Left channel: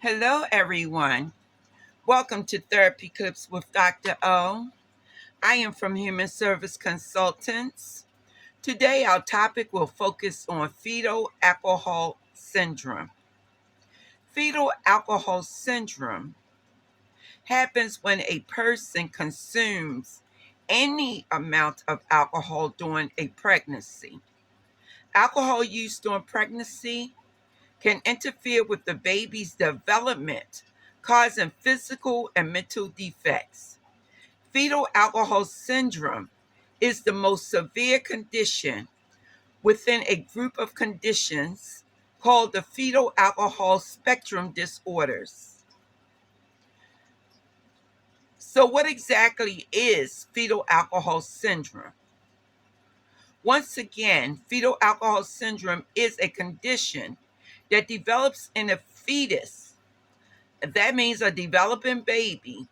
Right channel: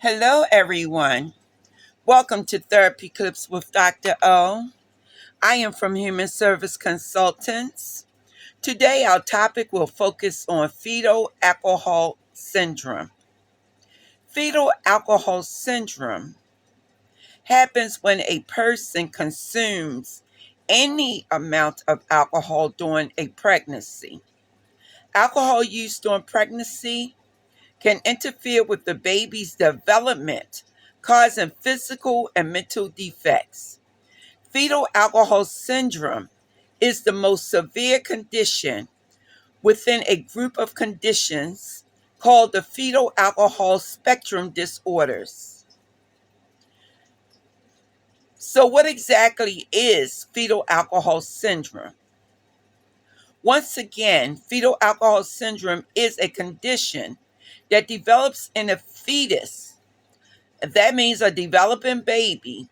Hello, everyone. Welcome to Therapy Clips with Dr. O. I am from Human Service Consultants. Today, our topic will focus on fetal alcohol syndrome. Fetal alcohol syndrome happens when a person consumes any amount of alcohol during a pregnancy. Alcohol use during pregnancy can interfere with the baby's development, causing physical and mental defects. Fetal alcohol syndrome is the most severe condition within a group of conditions called the fetal alcohol spectrum disorders. So, what exactly is fetal alcohol syndrome? Once again, fetal alcohol syndrome is a condition that develops in a fetus. That means a developing baby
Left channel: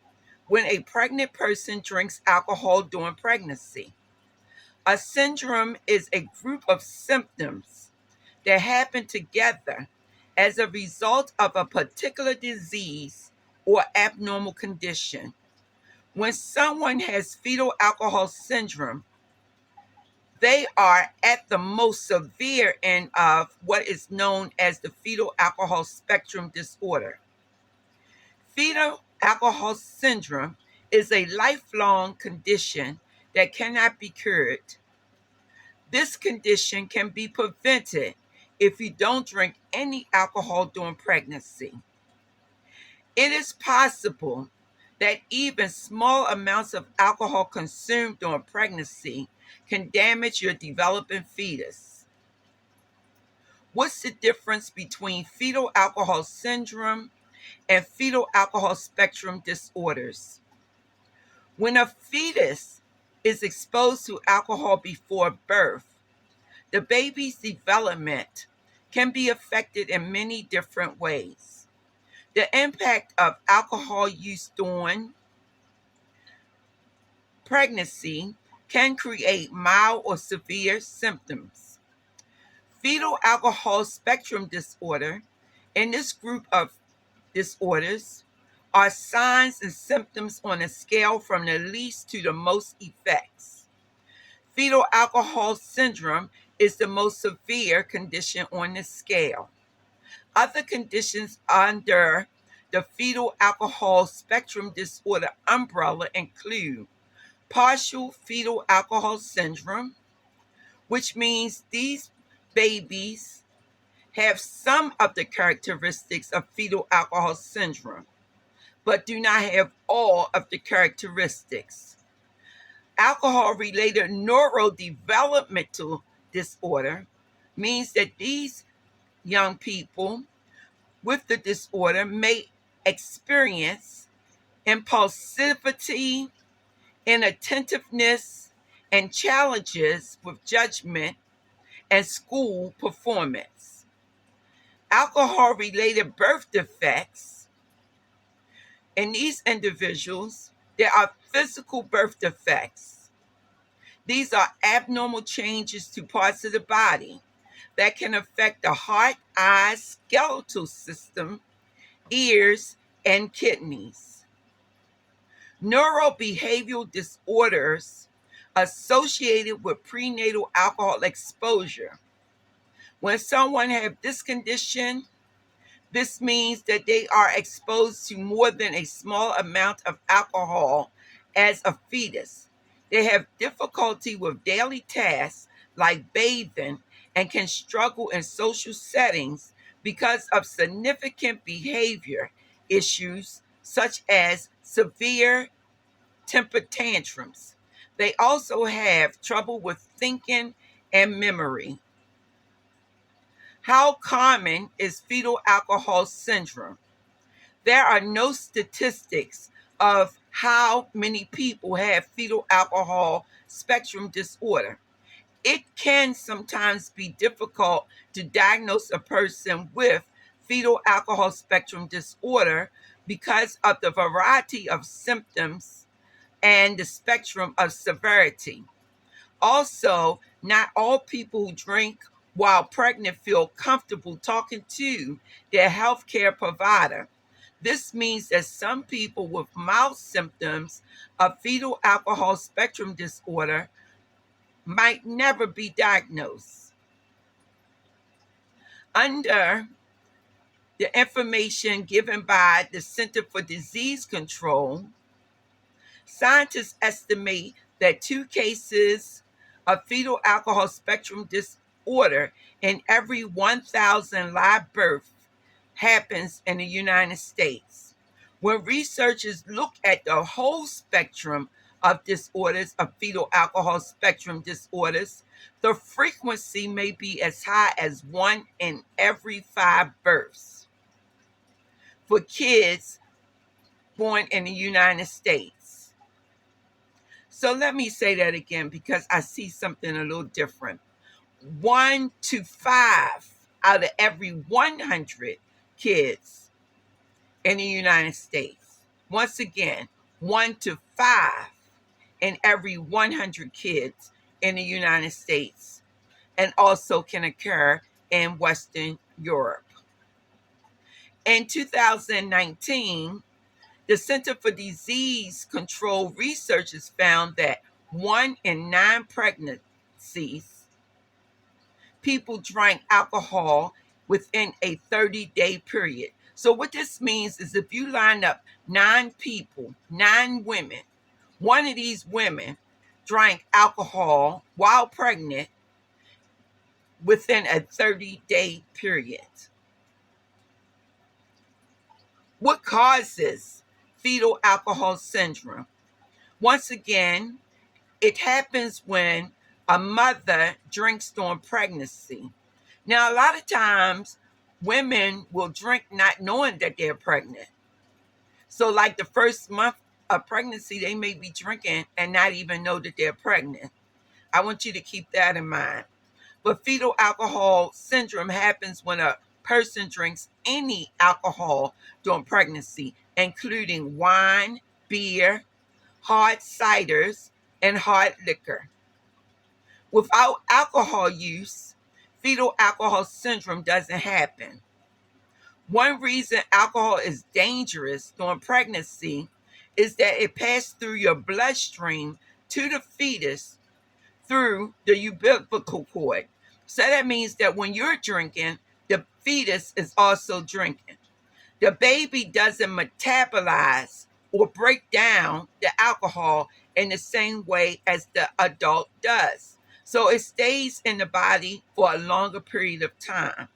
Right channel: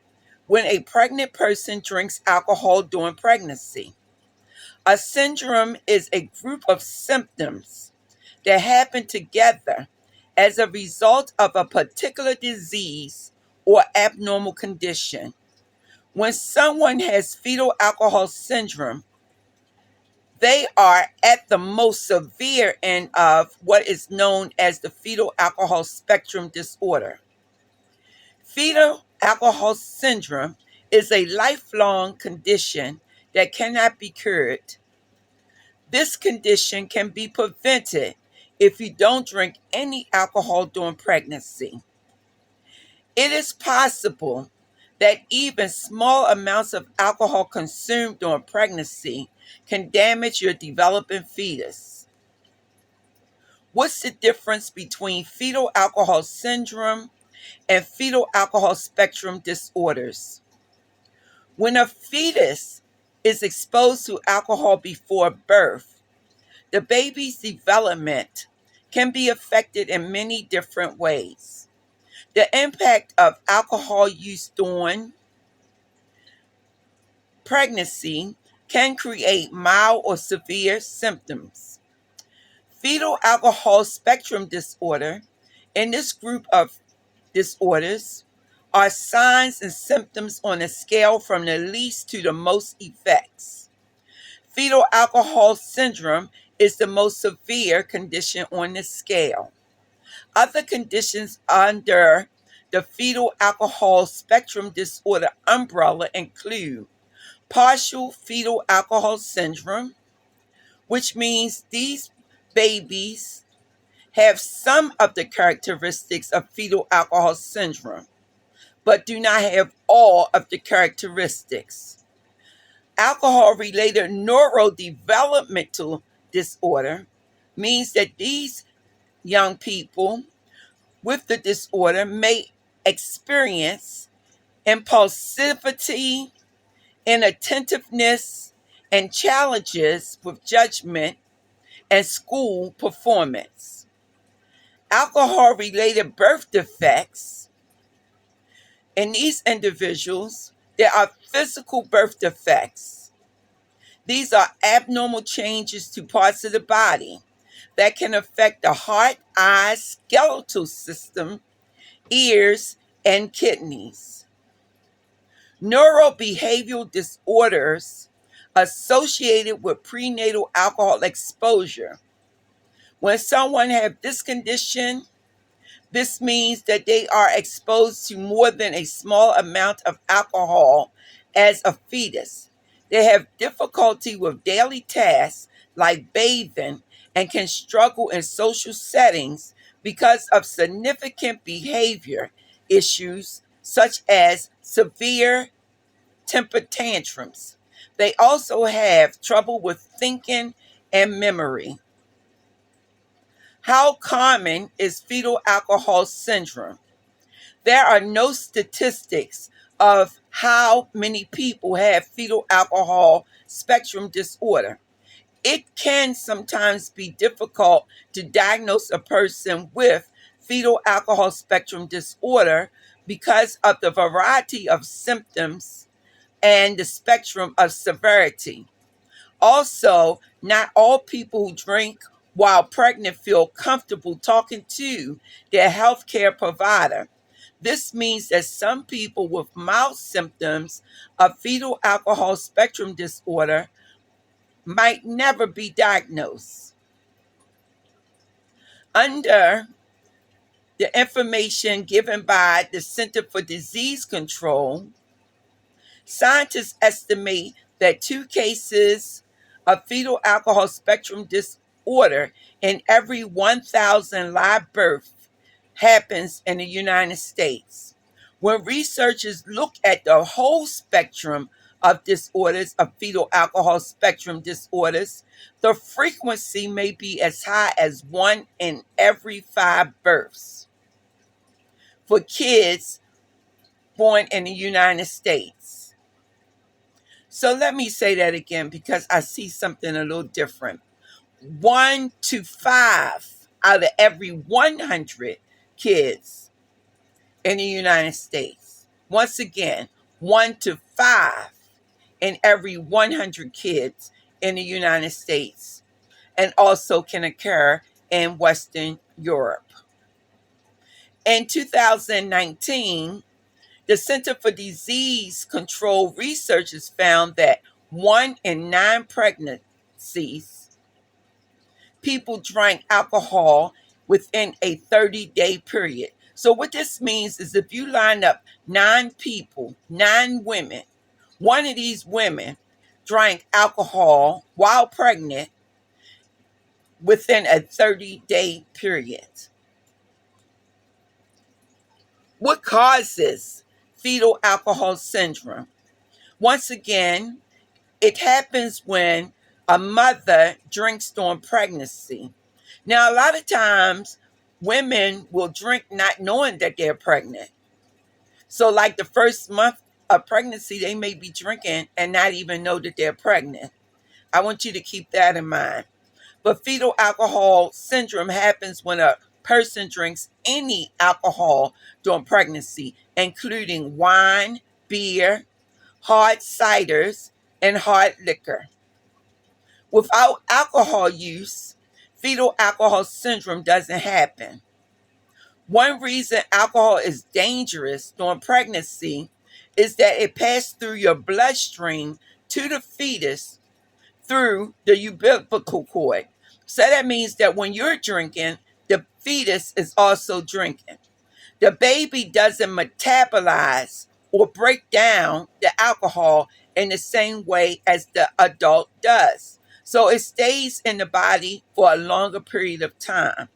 when a pregnant person drinks alcohol during pregnancy. A syndrome is a group of symptoms that happen together as a result of a particular disease or abnormal condition. When someone has fetal alcohol syndrome, they are at the most severe end of what is known as the fetal alcohol spectrum disorder. Fetal alcohol syndrome is a lifelong condition that cannot be cured. This condition can be prevented if you don't drink any alcohol during pregnancy. It is possible that even small amounts of alcohol consumed during pregnancy can damage your developing fetus. What's the difference between fetal alcohol syndrome and fetal alcohol spectrum disorders? When a fetus is exposed to alcohol before birth, the baby's development can be affected in many different ways. The impact of alcohol use during pregnancy can create mild or severe symptoms. Fetal alcohol spectrum disorder, in this group of disorders, are signs and symptoms on a scale from the least to the most effects. Fetal alcohol syndrome is the most severe condition on the scale. Other conditions under the fetal alcohol spectrum disorder umbrella include partial fetal alcohol syndrome, which means these babies have some of the characteristics of fetal alcohol syndrome, but do not have all of the characteristics. Alcohol related neurodevelopmental disorder means that these young people with the disorder may experience impulsivity, inattentiveness, and challenges with judgment and school performance. Alcohol related birth defects in these individuals, there are physical birth defects. These are abnormal changes to parts of the body that can affect the heart, eyes, skeletal system, ears, and kidneys. Neurobehavioral disorders associated with prenatal alcohol exposure. When someone has this condition, this means that they are exposed to more than a small amount of alcohol as a fetus. They have difficulty with daily tasks like bathing and can struggle in social settings because of significant behavior issues such as severe temper tantrums. They also have trouble with thinking and memory. How common is fetal alcohol syndrome? There are no statistics of how many people have fetal alcohol spectrum disorder. It can sometimes be difficult to diagnose a person with fetal alcohol spectrum disorder because of the variety of symptoms and the spectrum of severity. Also, not all people who drink while pregnant feel comfortable talking to their healthcare provider. This means that some people with mild symptoms of fetal alcohol spectrum disorder might never be diagnosed. Under the information given by the Center for Disease Control, scientists estimate that 2 cases of fetal alcohol spectrum disorder in every 1,000 live births happens in the United States. When researchers look at the whole spectrum of disorders, of fetal alcohol spectrum disorders, the frequency may be as high as 1 in every 5 births for kids born in the United States. So let me say that again because I see something a little different. 1 to 5 out of every 100 kids in the United States. Once again, 1 to 5 in every 100 kids in the United States, and also can occur in Western Europe. In 2019, the Center for Disease Control researchers found that 1 in 9 pregnancies, people drank alcohol within a 30-day period. So, what this means is if you line up 9 people, 9 women, one of these women drank alcohol while pregnant within a 30-day period. What causes fetal alcohol syndrome? Once again, it happens when a mother drinks during pregnancy. Now, a lot of times, women will drink not knowing that they're pregnant. So, like the first month of pregnancy, they may be drinking and not even know that they're pregnant. I want you to keep that in mind. But fetal alcohol syndrome happens when a person drinks any alcohol during pregnancy, including wine, beer, hard ciders, and hard liquor. Without alcohol use, fetal alcohol syndrome doesn't happen. One reason alcohol is dangerous during pregnancy is that it passes through your bloodstream to the fetus through the umbilical cord. So that means that when you're drinking, the fetus is also drinking. The baby doesn't metabolize or break down the alcohol in the same way as the adult does. So it stays in the body for a longer period of time.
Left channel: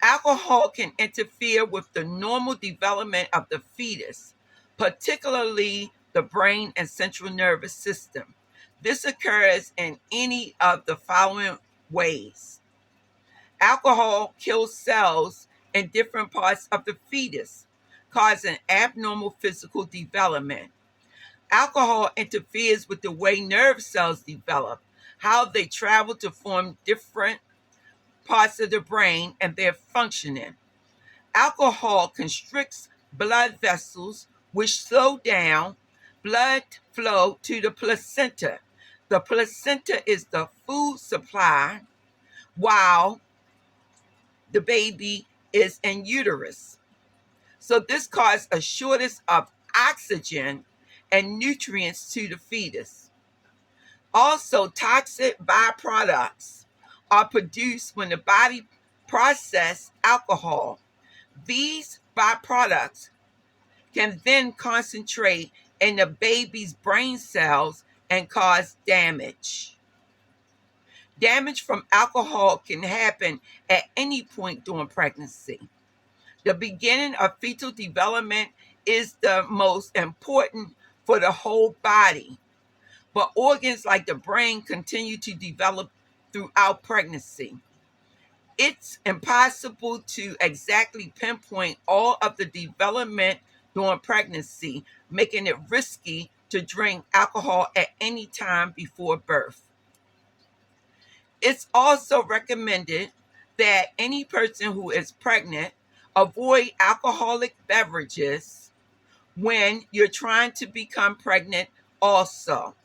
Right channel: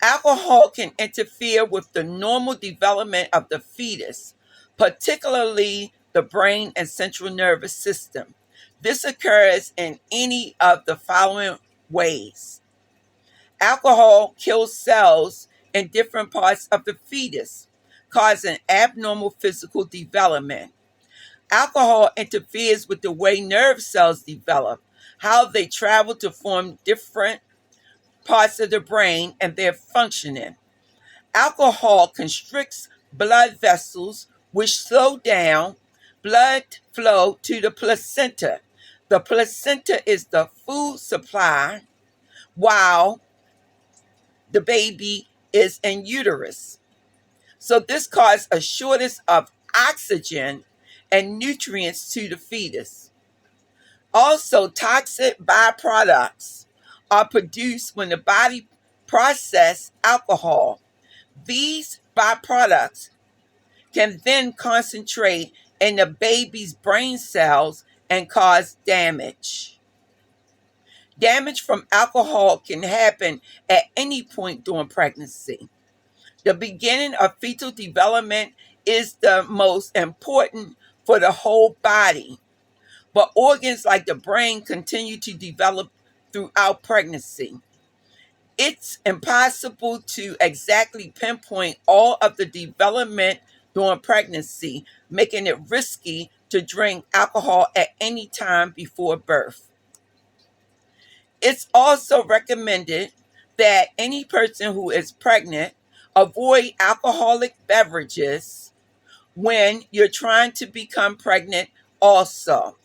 Alcohol can interfere with the normal development of the fetus, particularly the brain and central nervous system. This occurs in any of the following ways. Alcohol kills cells in different parts of the fetus, causing abnormal physical development. Alcohol interferes with the way nerve cells develop, how they travel to form different parts of the brain and their functioning. Alcohol constricts blood vessels, which slow down blood flow to the placenta. The placenta is the food supply while the baby is in uterus. So this causes a shortage of oxygen and nutrients to the fetus. Also, toxic byproducts are produced when the body processes alcohol. These byproducts can then concentrate in the baby's brain cells and cause damage. Damage from alcohol can happen at any point during pregnancy. The beginning of fetal development is the most important for the whole body, but organs like the brain continue to develop throughout pregnancy. It's impossible to exactly pinpoint all of the development during pregnancy, making it risky to drink alcohol at any time before birth. It's also recommended that any person who is pregnant avoid alcoholic beverages when you're trying to become pregnant also.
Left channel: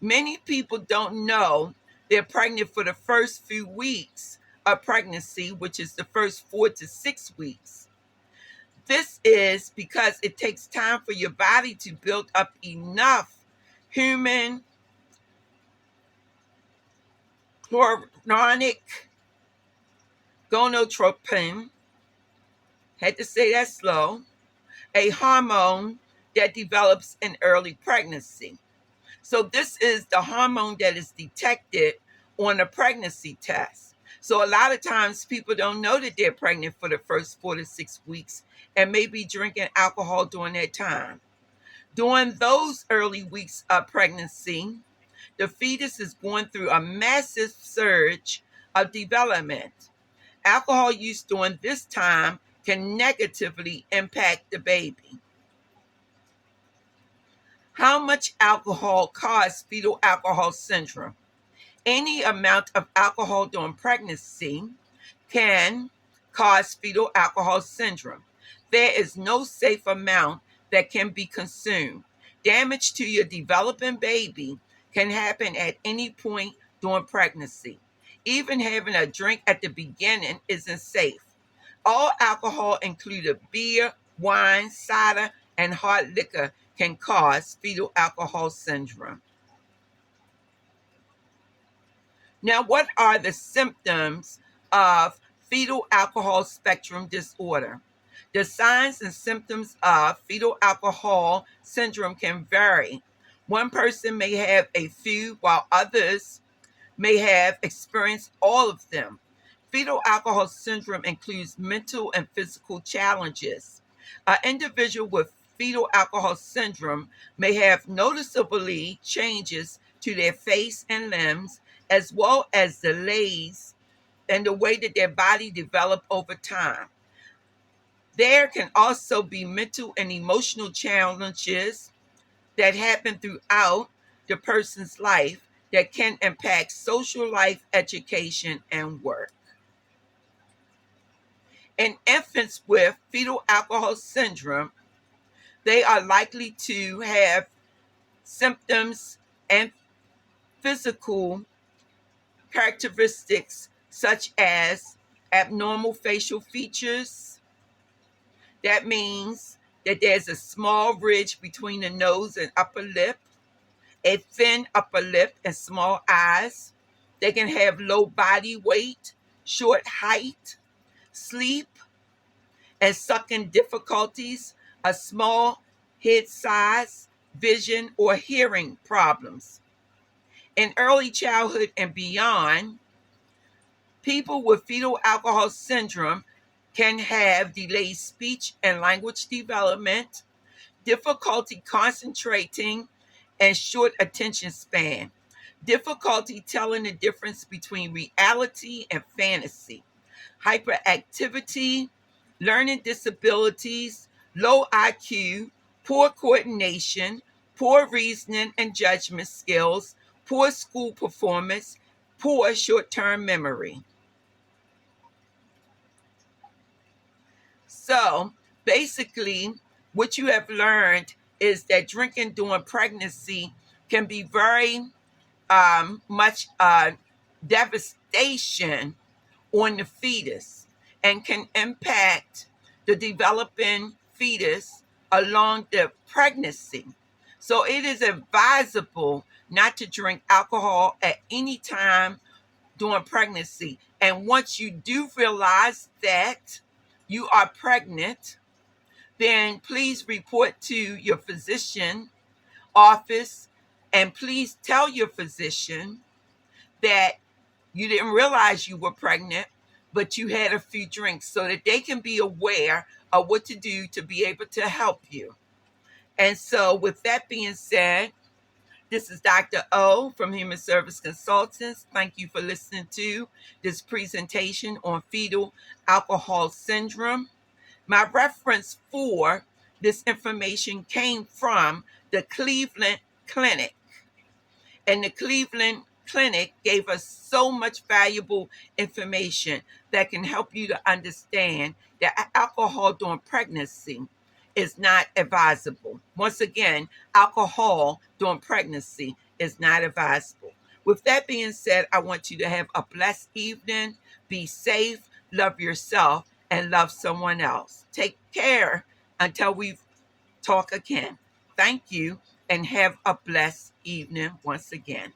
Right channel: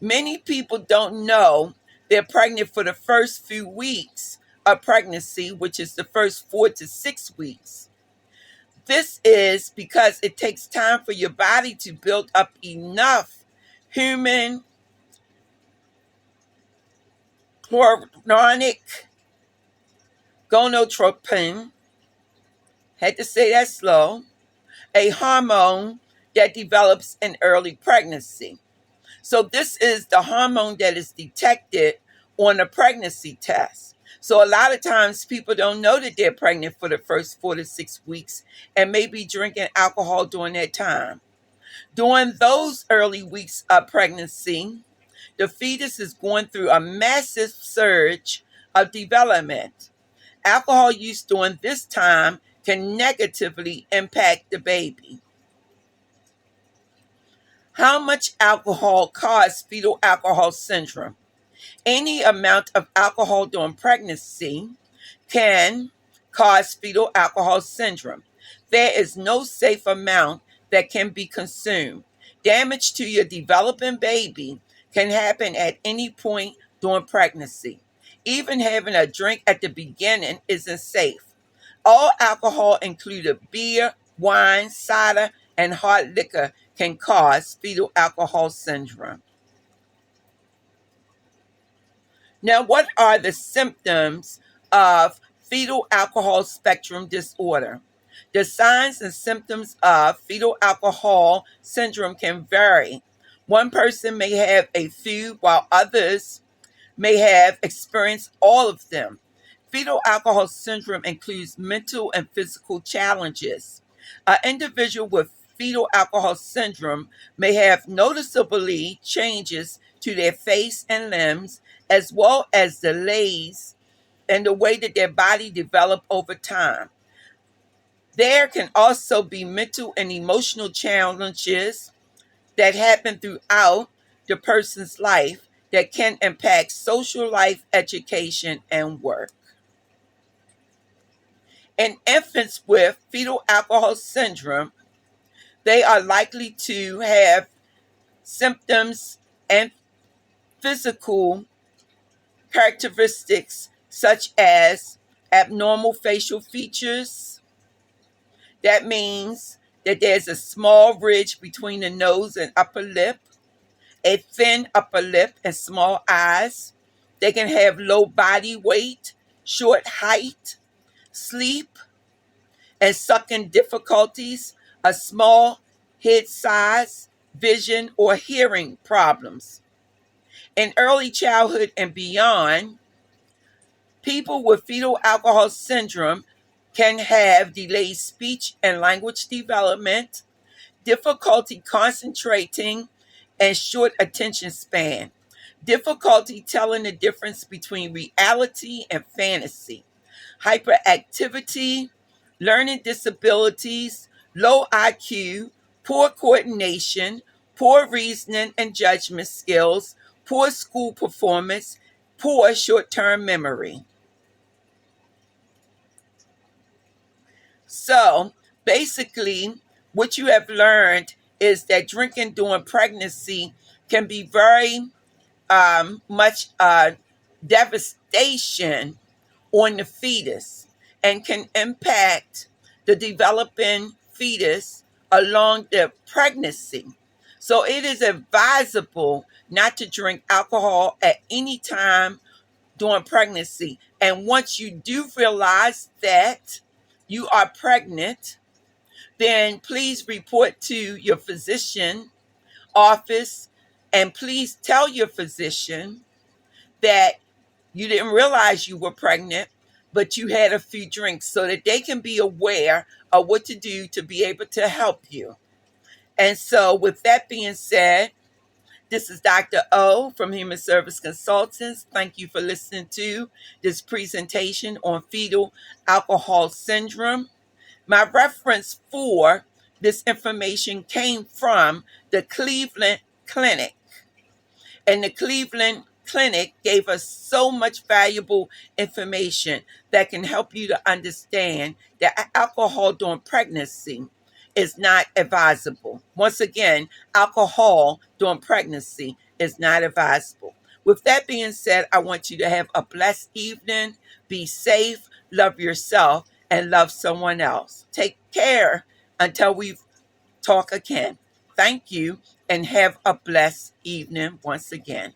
Many people don't know they're pregnant for the first few weeks of pregnancy, which is the first 4 to 6 weeks. This is because it takes time for your body to build up enough human chloronic gonadotropin, had to say that slow, a hormone that develops in early pregnancy. So this is the hormone that is detected on a pregnancy test. So a lot of times people don't know that they're pregnant for the first 4 to 6 weeks and may be drinking alcohol during that time. During those early weeks of pregnancy, the fetus is going through a massive surge of development. Alcohol use during this time can negatively impact the baby. How much alcohol causes fetal alcohol syndrome? Any amount of alcohol during pregnancy can cause fetal alcohol syndrome. There is no safe amount that can be consumed. Damage to your developing baby can happen at any point during pregnancy. Even having a drink at the beginning isn't safe. All alcohol, including beer, wine, cider, and hard liquor, can cause fetal alcohol syndrome. Now, what are the symptoms of fetal alcohol spectrum disorder? The signs and symptoms of fetal alcohol syndrome can vary. One person may have a few, while others may have experienced all of them. Fetal alcohol syndrome includes mental and physical challenges. An individual with fetal alcohol syndrome may have noticeably changes to their face and limbs, as well as delays in the way that their body develop over time. There can also be mental and emotional challenges that happen throughout the person's life that can impact social life, education, and work. In infants with fetal alcohol syndrome, they are likely to have symptoms and physical characteristics such as abnormal facial features. That means that there's a small ridge between the nose and upper lip, a thin upper lip, and small eyes. They can have low body weight, short height, sleep and sucking difficulties, a small head size, vision, or hearing problems. In early childhood and beyond, people with fetal alcohol syndrome can have delayed speech and language development, difficulty concentrating, and short attention span, difficulty telling the difference between reality and fantasy, hyperactivity, learning disabilities, low IQ, poor coordination, poor reasoning and judgment skills, poor school performance, poor short term memory. So basically, what you have learned is that drinking during pregnancy can be very much devastation on the fetus and can impact the developing fetus along the pregnancy. So it is advisable not to drink alcohol at any time during pregnancy. And once you do realize that you are pregnant, then please report to your physician office and please tell your physician that you didn't realize you were pregnant, but you had a few drinks so that they can be aware of what to do to be able to help you. And so, with that being said, this is Dr. O from Human Service Consultants. Thank you for listening to this presentation on fetal alcohol syndrome. My reference for this information came from the Cleveland Clinic. And the Cleveland Clinic gave us so much valuable information that can help you to understand that alcohol during pregnancy is not advisable. Once again, alcohol during pregnancy is not advisable. With that being said, I want you to have a blessed evening. Be safe, love yourself, and love someone else. Take care until we talk again. Thank you and have a blessed evening once again.